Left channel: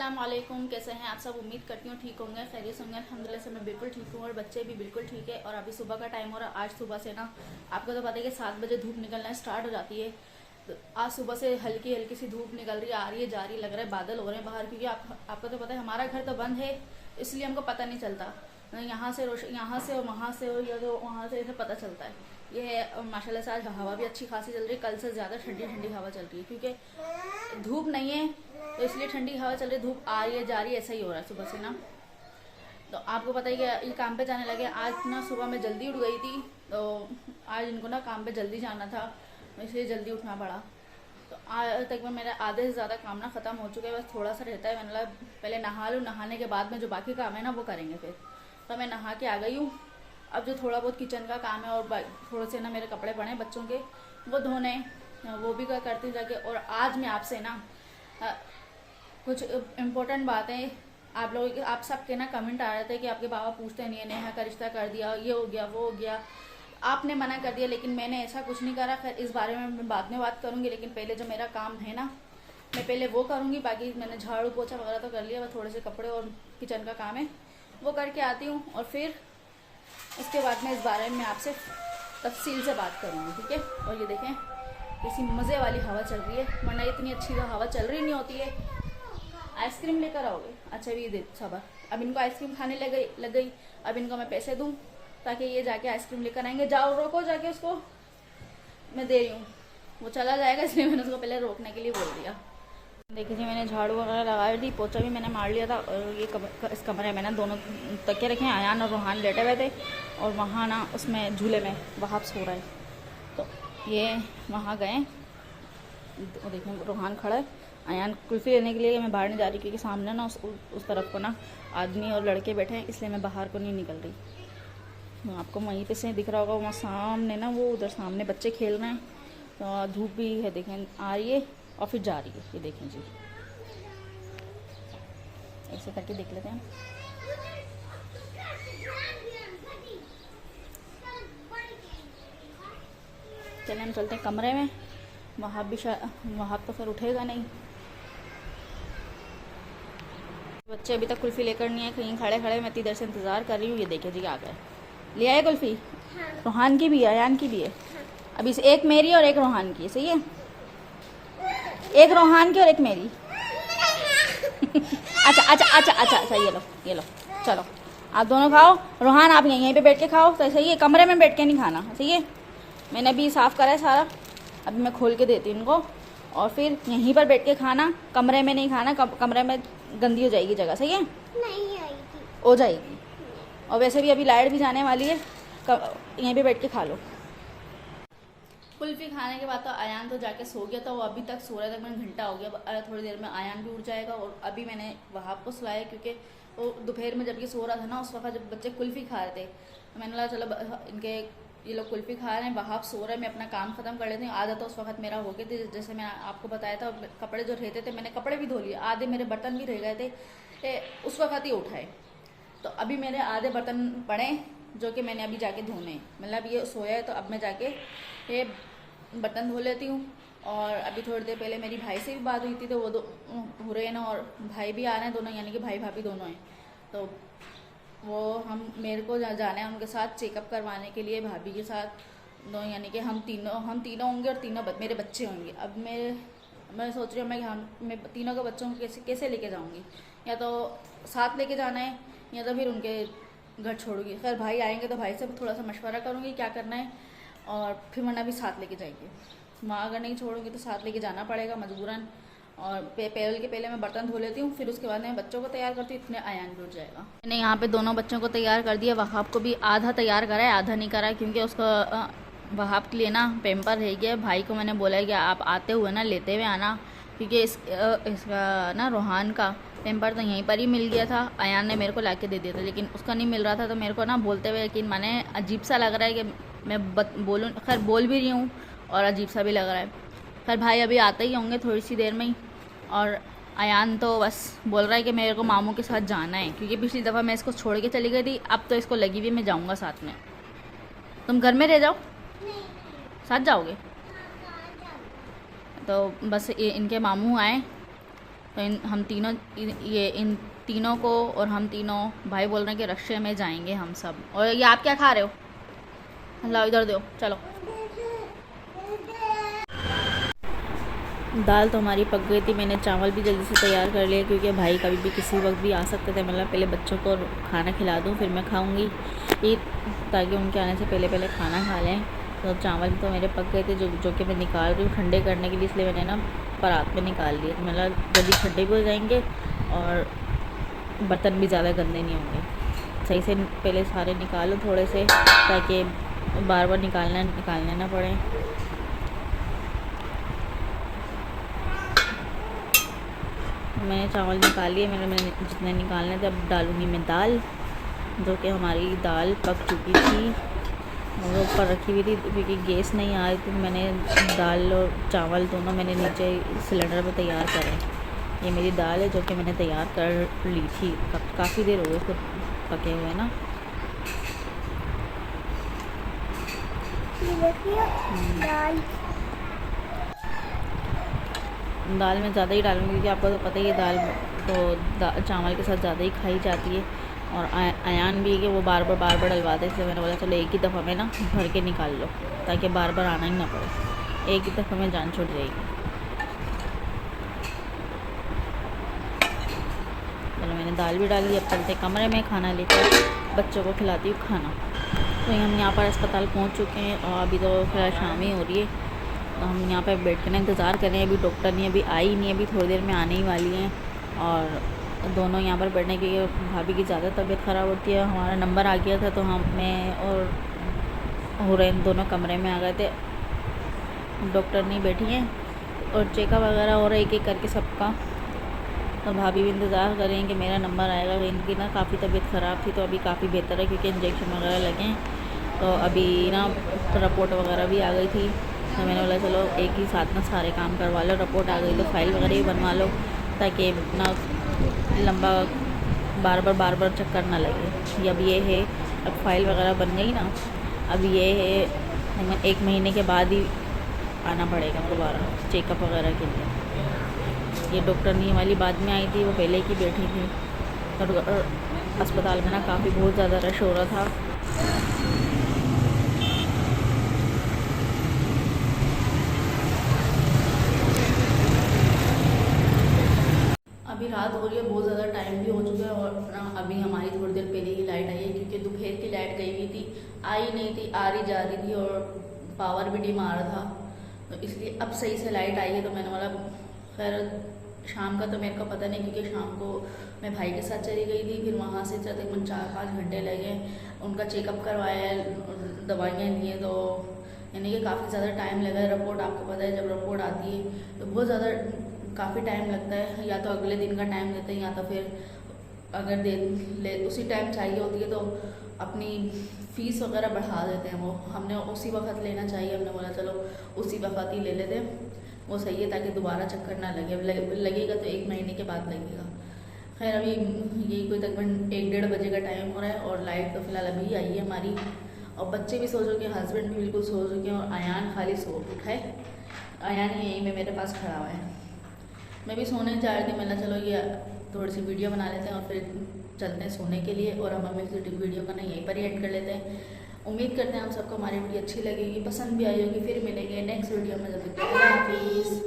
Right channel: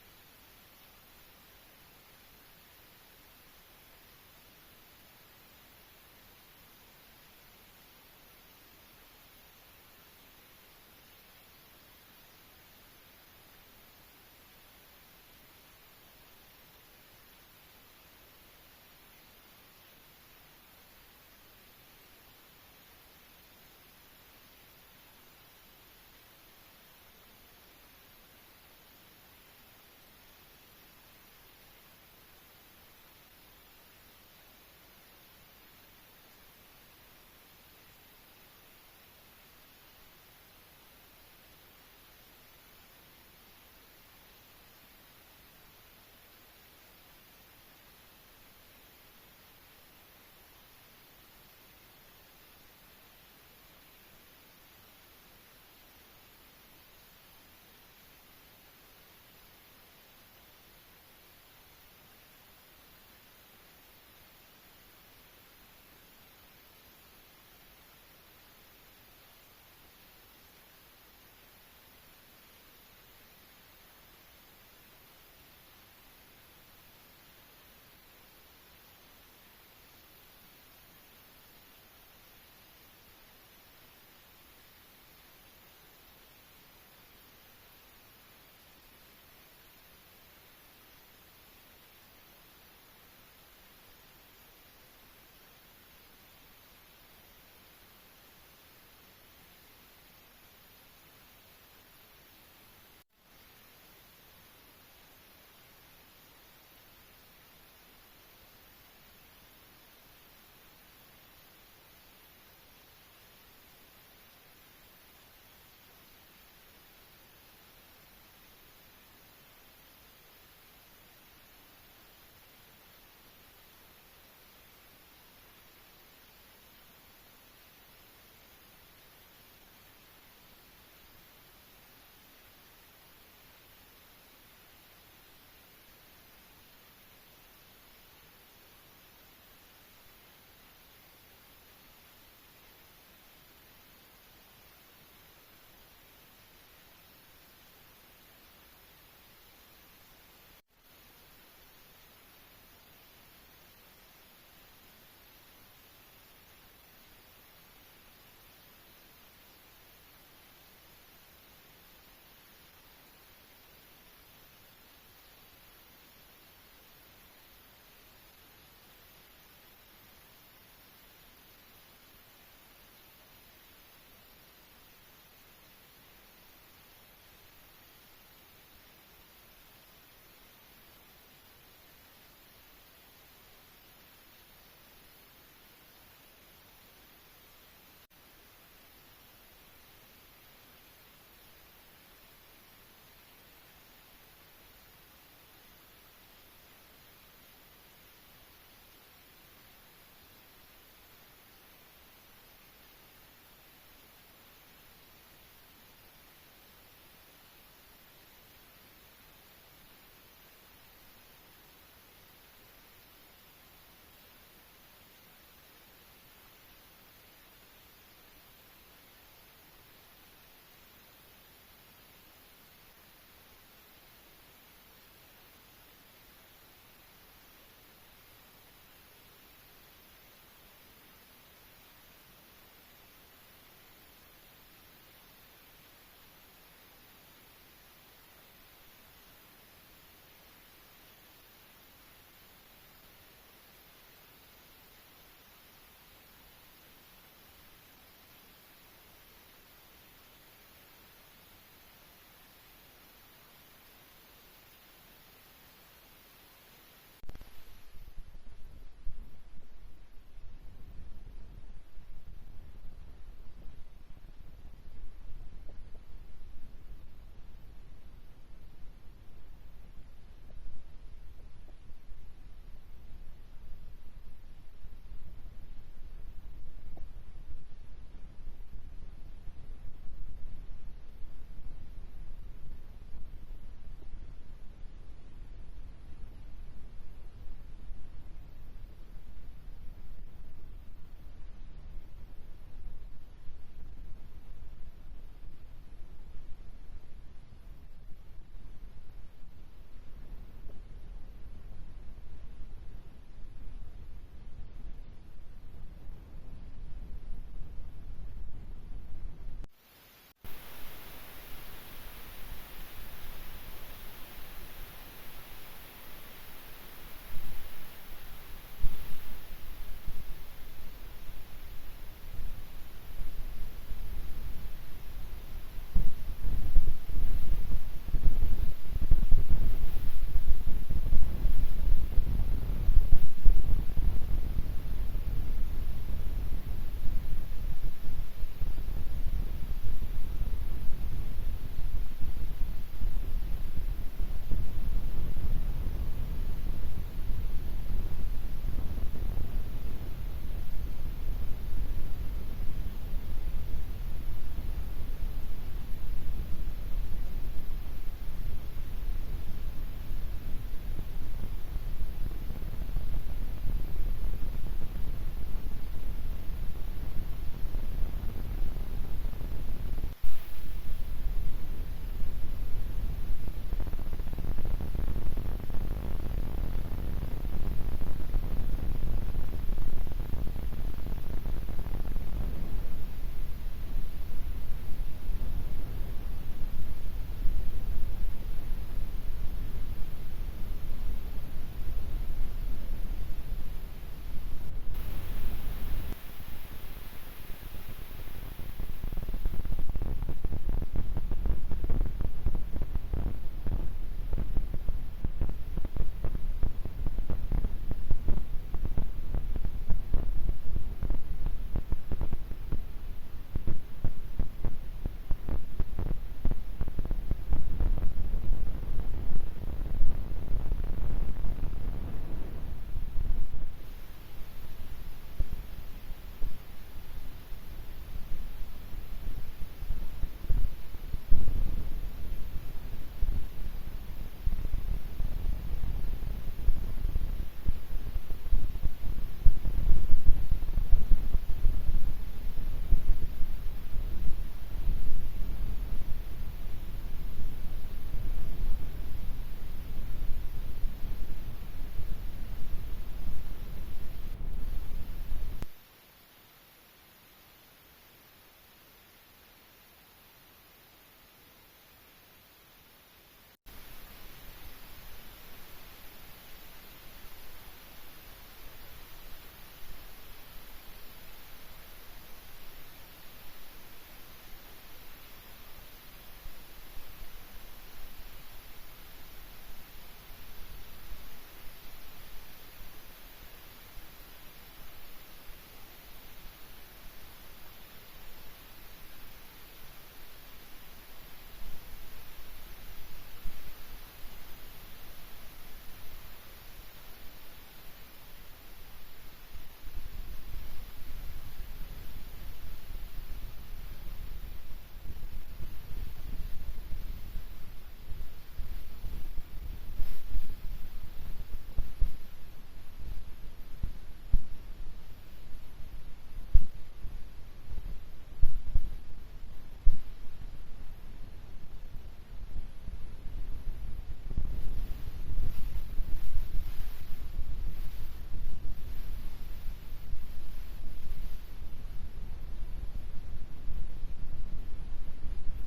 अस्सलाम वालेकुम। कैसे हैं आप सब? उम्मीद करती हूँ ठीक होंगे, खैरियत होंगे। अल्हम्दुलिल्लाह से मैं बिल्कुल ठीक हूँ और बच्चे भी बिल्कुल ठीक है। और अभी सुबह का टाइम हो रहा है। आज सुबह से ना आपको तो पता है कि 7 बजे धूप निकलना स्टार्ट हो जाती है। तो आज सुबह से हल्की हल्की सी धूप निकल रही है, आ रही है, जा रही है। लग रहा है बादल हो रहे हैं बाहर, क्योंकि आपको तो पता है हमारा घर तो बंद है, इसलिए हमको पता नहीं चलता। यहाँ से और वहाँ से और या तो वहाँ से ऐसे पता चलता है। ये है माशाल्लाह से आज हवा भी अच्छी खासी चल रही है। कल से ज़्यादा ठंडी ठंडी हवा चल रही है, क्योंकि धूप नहीं है तो इसलिए ठंडी हवा चल रही है। धूप आ रही है, जा रही है, ऐसा ही हो रहा है सुबह से ना। तो आपको पता ही कि ये काम पे जाने लगे। आज ना सुबह में जल्दी उठ गई थी, तो आज इनको ना काम पे जल्दी जाना था, इसलिए जल्दी उठना पड़ा। तो आज तक में मेरा आधे से ज़्यादा काम ना ख़त्म हो चुका है, बस थोड़ा सा रहता है। मतलब पहले नहा लूँ, नहाने के बाद में जो बाकी काम है ना वो करेंगे फिर। तो मैं नहा के आ गई हूँ। अब जो थोड़ा बहुत किचन का काम है और थोड़े से ना मेरे कपड़े पड़े हैं बच्चों के, वो धोने, वो भी करती हूँ जाके। और आज मैं आपसे ना कुछ इम्पोर्टेंट बातें आप सबके ना कमेंट आ रहे थे कि आपके बाबा पूछते नहीं है नेहा का रिश्ता कर दिया, ये हो गया, वो हो गया, आपने मना कर दिया। लेकिन मैंने ऐसा कुछ नहीं करा। खैर इस बारे में मैं बाद में बात करूँगी, लेकिन पहले जो मेरा काम है ना मैं पहले वो करूँगी। बाकी मैंने झाड़ू पोछा वगैरह तो कर लिया, बस थोड़े से कपड़े और किचन का काम है वो करके आती हूँ। और फिर उसके बाद मैं इस बारे में आपसे तफसील से बात करूँगी, ठीक है। और ये देखें किसी मज़े वाली हवा चल रही है, वरना इतनी अच्छी तो हवा चल रही नहीं होती है। आइसक्रीम लेकर आओगे? अच्छा भी दे सबर। अब इनको आइसक्रीम खाने लग गई। अब इनको मैं पैसे दूँ ताकि ये जाके आइसक्रीम लेकर आएंगे। जाओ रोको जाके उसको, मैं दे रही हूँ। वो चला जाएगा, इसलिए मैंने उसको पहले रोकने के लिए बोल दिया। देखिए जी, मैंने झाड़ू वगैरह लगा दी, पोछा भी मैंने मार लिया था। और ये इस कमरे में ना दोनों तकिए रखे हैं। आयान और रोहान लेटे हुए थे और वहाँ ना उसमें झूले में वहाँ सो रहा है। तो ये वहाँ गए, देखें रोहान खड़ा है। आयान कुल्फ़ी लेने के लिए मैं बाहर नहीं जा रही, क्योंकि सामने ना उस तरफ को ना आदमी और लड़के बैठे हैं, इसलिए मैं बाहर को नहीं निकल रही। आपको वहीं पे से दिख रहा होगा, वहाँ सामने ना वो उधर सामने बच्चे खेल रहे हैं। तो धूप भी है, देखें आ रही है और फिर जा रही है। ये देखें जी, ऐसे करके देख लेते हैं। चलिए हम चलते हैं कमरे में। वहाँ तो फिर उठेगा नहीं। बच्चे अभी तक कुल्फ़ी लेकर नहीं है, कहीं खड़े खड़े मैं इधर से इंतज़ार कर रही हूँ। ये देखिए जी आ गए, ले आए कुल्फ़ी। हाँ। रोहान की भी है, अयान की भी है। हाँ। अभी से एक मेरी और एक रोहान की, सही है। एक रोहान की और एक मेरी। अच्छा, ये लो चलो आप दोनों खाओ। रोहान आप यहीं पे बैठ के खाओ, तो सही है। कमरे में बैठ के नहीं खाना, सही है। मैंने अभी साफ़ करा है सारा, अभी मैं खोल के देती हूँ इनको। और फिर यहीं पर बैठ के खाना, कमरे में नहीं खाना। कमरे में गंदी हो जाएगी जगह, सही है। नहीं आएगी, हो जाएगी। और वैसे भी अभी लाइट भी जाने वाली है, यहीं पे बैठ के खा लो। कुल्फ़ी खाने के बाद तो आयान तो जाके सो गया था, वो अभी तक सो रहा था। तकरीबन घंटा हो गया। थोड़ी देर में आयान भी उठ जाएगा। और अभी मैंने वहाँ को सुलाया, क्योंकि वो दोपहर में जब ये सो रहा था ना, उस वक्त जब बच्चे कुल्फ़ी खा रहे थे, तो मैंने लगा चलो इनके ये लोग कुल्फ़ी खा रहे हैं, वहाँ सो रहे हैं, मैं अपना काम ख़त्म कर लेती हूँ। आधा तो उस वक्त मेरा हो गया था, जैसे मैं आपको बताया था। कपड़े जो रहते थे मैंने कपड़े भी धो लिए, आधे मेरे बर्तन भी रह गए थे, उस वक्त ही उठाए। तो अभी मेरे आधे बर्तन पड़े जो कि मैंने अभी जाके धोने। मतलब ये सोया है तो अब मैं जाके ये बर्तन धो लेती हूँ। और अभी थोड़ी देर पहले मेरी भाई से भी बात हुई थी, तो वो हुरैन और भाई भी आ रहे हैं दोनों, यानी कि भाई भाभी दोनों हैं। तो वो मेरे को जाना है उनके साथ चेकअप करवाने के लिए, भाभी के साथ दो, यानी कि हम तीनों होंगे और तीनों मेरे बच्चे होंगे। अब मैं सोच रही हूँ मैं तीनों के बच्चों को कैसे लेके जाऊँगी। या तो साथ लेके जाना है या तो फिर उनके घर छोड़ूंगी। खैर भाई आएंगे तो भाई से थोड़ा सा मशवरा करूँगी क्या करना है, और फिर वरना भी साथ लेके जाएंगे। माँ अगर नहीं छोड़ूंगी तो साथ लेके जाना पड़ेगा मजबूरन। और पहले मैं बर्तन धो लेती हूँ, फिर उसके बाद मैं बच्चों को तैयार करती हूँ। इतने आयान भी उठ जाएगा। मैंने यहाँ पे दोनों बच्चों को तैयार कर दिया। वहाब को भी आधा तैयार करा है, आधा नहीं करा है, क्योंकि उसका वहाब के लिए ना पेम्पर रह गया। भाई को मैंने बोला है कि आप आते हुए ना लेते हुए आना, क्योंकि इसका ना रोहान का पेम्पर तो यहीं पर ही मिल गया था। अयान ने मेरे को ला के दे दिया था, लेकिन उसका नहीं मिल रहा था। तो मेरे को ना बोलते हुए यकीन माने अजीब सा लग रहा है कि मैं बोलूँ। खैर बोल भी रही हूँ और अजीब सा भी लग रहा है। खैर भाई अभी आते ही होंगे थोड़ी सी देर में ही। और अयान तो बस बोल रहा है कि मेरे को मामू के साथ जाना है, क्योंकि पिछली दफ़ा मैं इसको छोड़ के चली गई थी। अब तो इसको लगी हुई मैं जाऊँगा साथ में। तुम घर में रह जाओ, साथ जाओगे? तो बस इनके मामू आए तो हम तीनों इन तीनों को और हम तीनों भाई बोल रहे हैं कि रक्शे में जाएंगे हम सब। और ये आप क्या खा रहे हो? लाओ इधर दो, चलो। दाल तो हमारी पक गई थी। मैंने चावल भी जल्दी से तैयार कर लिया क्योंकि भाई कभी भी किसी वक्त भी आ सकते थे। मतलब पहले बच्चों को खाना खिला दूँ फिर मैं खाऊंगी, ये ताकि उनके आने से पहले पहले खाना खा लें। तो चावल तो मेरे पक गए थे जो कि मैं निकाल रही हूँ ठंडे करने के लिए, इसलिए मैंने ना परात में निकाल लिए। तो मतलब जल्दी ठंडे भी हो जाएंगे और बर्तन भी ज़्यादा गंदे नहीं होंगे। सही से पहले सारे निकालो थोड़े से, ताकि बार बार निकालने ना पड़े। मैंने चावल निकाल लिए, मैंने जितने निकालने थे। अब डालूँगी मैं दाल, जो कि हमारी दाल पक चुकी थी और वो ऊपर रखी हुई थी क्योंकि गैस नहीं आ रही थी। मैंने दाल और चावल दोनों मैंने नीचे सिलेंडर पे तैयार करे। ये मेरी दाल है जो कि मैंने तैयार कर ली थी, काफ़ी देर हो गई खुद पके हुए ना। दाल में ज़्यादा ही डालूँगी क्योंकि आपको तो पता ही है दाल तो चावल के साथ ज़्यादा ही खाई जाती है। और अयान भी है कि वो बार बार डलवाते, इसलिए मैंने बोला चलो एक ही दफ़ा में ना भर के निकाल लो, ताकि बार बार आना ही ना पड़े, एक ही दफ़ा में जान छूट जाएगी। चलो मैंने दाल भी डाल दी। अब चलते कमरे में खाना लेकर बच्चों को खिलाती हूँ खाना। तो हम यहाँ पर अस्पताल पहुँच चुके हैं और अभी तो फिर शाम ही हो रही है। तो हम यहाँ पे बैठ के ना इंतज़ार कर रहे हैं। अभी डॉक्टर नहीं अभी आई नहीं, अभी थोड़ी देर में आने ही वाली हैं। और दोनों यहाँ पर बैठने की, भाभी की ज़्यादा तबीयत ख़राब होती है। हमारा नंबर आ गया था तो मैं और हुरैन दोनों कमरे में आ गए थे। डॉक्टर नहीं बैठी हैं और चेकअप वगैरह हो रहा है एक एक करके सबका। तो भाभी भी इंतज़ार कर रही हैं कि मेरा नंबर आएगा। इनकी ना काफ़ी तबीयत ख़राब थी तो अभी काफ़ी बेहतर है क्योंकि इंजेक्शन वगैरह लगे हैं। तो अभी ना रिपोर्ट वगैरह भी आ गई थी, तो मैंने बोला चलो एक ही साथ ना सारे काम करवा लो। रिपोर्ट आ गई तो फाइल वगैरह भी बनवा लो, ताकि ना लंबा बार बार चक्कर ना लगे। अब ये है, अब फाइल वगैरह बन गई ना, अब ये है 1 महीने के बाद ही आना पड़ेगा दोबारा चेकअप वगैरह के लिए। ये डॉक्टर नहीं वाली बाद में आई थी, वो पहले की बैठी थी। और अस्पताल में ना काफ़ी बहुत ज़्यादा रश हो रहा था। अभी रात हो रही है, बहुत ज़्यादा टाइम भी हो चुका है और ना अभी हमारी थोड़ी देर पहले ही लाइट आई है क्योंकि दोपहर की लाइट गई हुई थी, आई नहीं थी, आ रही जा रही थी और पावर भी डिम आ रहा था। तो इसलिए अब सही से लाइट आई है। तो मैंने बोला खैर शाम का तो मेरे को पता नहीं क्योंकि शाम को मैं भाई के साथ चली गई थी, फिर वहाँ से तकरीबन 4-5 घंटे लगे। उनका चेकअप करवाया, दवाइयाँ ली हैं, तो यानी कि काफ़ी ज़्यादा टाइम लगा है। रिपोर्ट आपको पता है जब रिपोर्ट आती है तो बहुत ज़्यादा काफ़ी टाइम लगता है, या तो अगले दिन का टाइम देते हैं या तो फिर अगर उसी टाइम चाहिए होती है तो अपनी फ़ीस वगैरह बढ़ा देते हैं। वो हमने उसी वक्त लेना चाहिए, हमने बोला चलो उसी वक्त ही ले लेते हैं, वो सही है ताकि दोबारा चक्कर ना लगेगा तो 1 महीने के बाद लगेगा। खैर अभी यही कोई तकरीबन 1-1:30 बजे का टाइम हो रहा है और लाइट तो फिलहाल अभी आई है हमारी। और बच्चे भी सो चुके हैं, हस्बैंड भी बिल्कुल सो चुके हैं और अयान खाली सो उठा है। अयान यहीं में मेरे पास खड़ा हुआ है। मैं भी सोने जा रही थी, मैंने चलो ये थोड़ी सी वीडियो बना लेते हैं और फिर चलते हैं सोने के लिए। और हम अपनी वीडियो का ना यहीं पर ही एंड कर लेते हैं। उम्मीद करते हैं आप सबको हमारी वीडियो अच्छी लगेगी, पसंद भी आई होगी। फिर मिलेंगे नेक्स्ट वीडियो में, जब तक के लिए अल्लाह हाफिज़।